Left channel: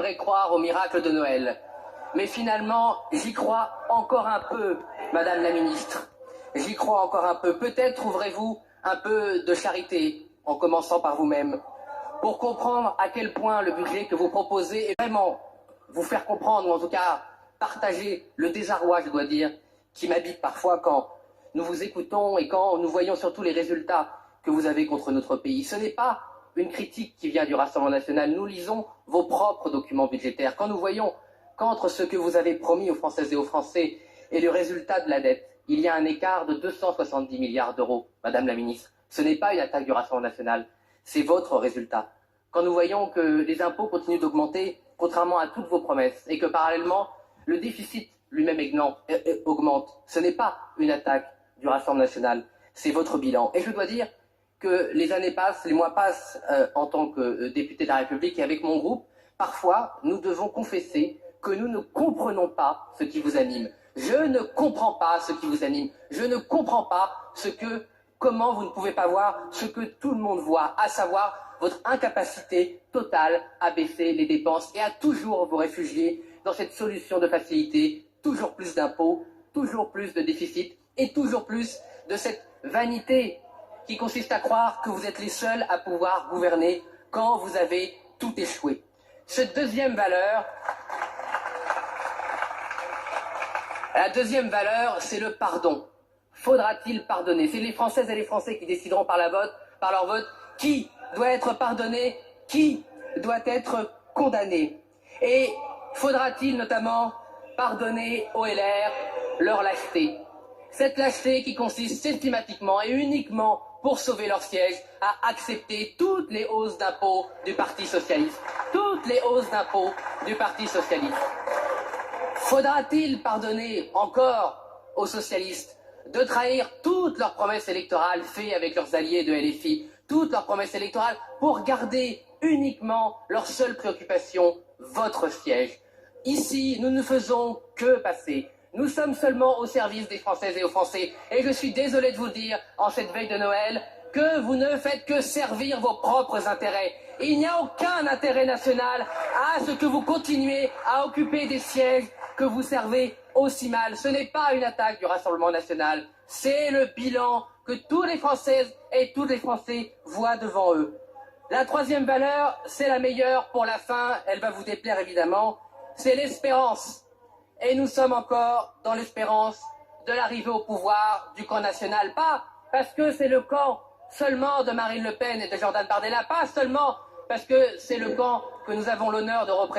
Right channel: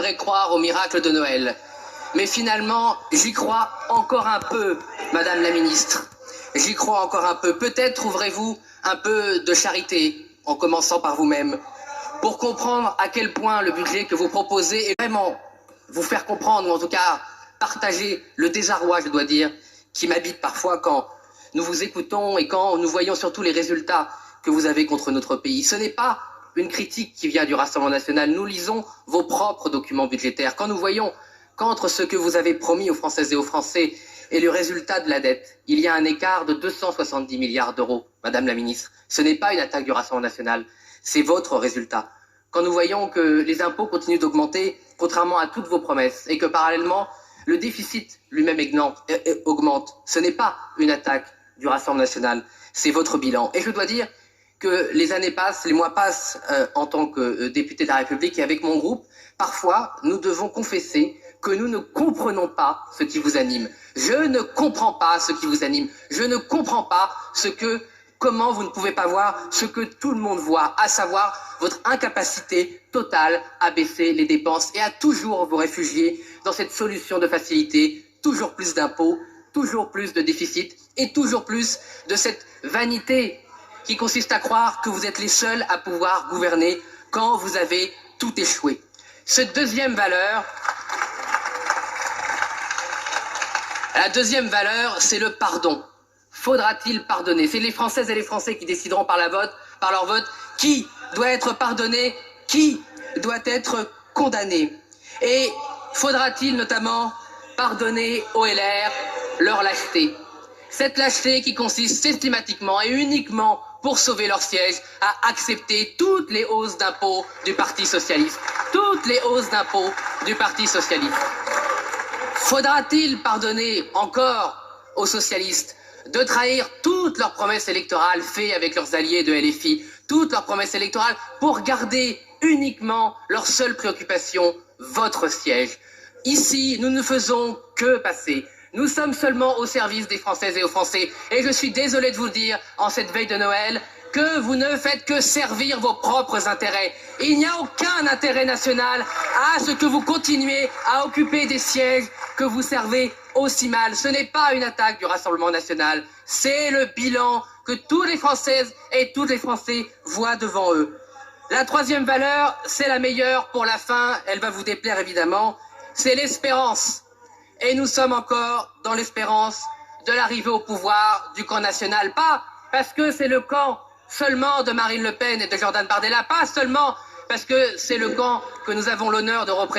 voudrais croire au miracle de Noël. Mais finalement, j'y crois encore un peu, Madame la Ministre. J'y crois encore un peu. Peut-être trouverez-vous un peu de charité, en commençant par vous-même, pour comprendre à quel point le budget que vous proposez est vraiment vous faire comprendre, ou en tout cas partager le désarroi, je dois dire, qui m'habite parfois quand nous vous écoutons et quand nous voyons surtout les résultats que vous avez contre notre pays. Ce n'est pas une critique qui vient du Rassemblement national. Nous lisons vos propres documents budgétaires. Quand nous voyons qu'entre ce que vous avez promis aux Françaises et aux Français et le résultat de la dette, il y a un écart de 270 milliards d'euros, Madame la Ministre. Ce n'est pas une attaque du Rassemblement national, c'est votre résultat. Quand nous voyons que les impôts continuent d'augmenter, contrairement à toutes vos promesses, et que parallèlement, le déficit lui-même augmente, ce n'est pas une attaque du Rassemblement national, c'est votre bilan. Et je dois dire que les années passent, les mois passent en tant que député de la République, et avec mon groupe, parfois, nous devons confesser que nous ne comprenons pas ce qui vous anime. Je ne comprends pas ce qui vous anime. Je ne comprends pas comment vous ne pouvez pas voir ce que tout le monde voit, à savoir votre incapacité totale à baisser les dépenses et à toujours vous réfugier dans cette solution de facilité, toujours plus d'impôts, toujours plus de déficit et toujours plus de cette vanité qui consiste à croire que vous êtes les seuls à pouvoir gouverner quand vous avez tout échoué. Cette deuxième valeur, la deuxième valeur, c'est le pardon. Faudra-t-il pardonner? C'est les Françaises et les Français qui décideront par leur vote qui doit être pardonné, qui doit être condamné. Et faudra-t-il notamment pardonner aux LR leur lâcheté? Cette lâcheté qui consiste systématiquement et uniquement pour sauver leur siège à accepter toutes les hausses d'impôts du Parti socialiste. Toutes les hausses d'impôts du Parti socialiste. Faudra-t-il pardonner encore aux socialistes de trahir toutes leurs promesses électorales faites avec leurs alliés de LFI, toutes leurs promesses électorales pour garder uniquement leur seule préoccupation, votre siège? Ici, nous ne faisons que passer. Nous sommes seulement au service des Françaises et aux Français. Et je suis désolé de vous le dire, en cette veille de Noël, que vous ne faites que servir vos propres intérêts. Il n'y a aucun intérêt national à ce que vous continuez à occuper des sièges que vous servez aussi mal. Ce n'est pas une attaque du Rassemblement national, c'est le bilan que toutes les Françaises et tous les Français voient devant eux. La troisième valeur, c'est la meilleure pour la fin, elle va vous déplaire évidemment, c'est l'espérance. Et nous sommes encore dans l'espérance de l'arrivée au pouvoir du camp national. Pas parce que c'est le camp seulement de Marine Le Pen et de Jordan Bardella, pas seulement parce que c'est le camp que nous avons l'honneur de représenter.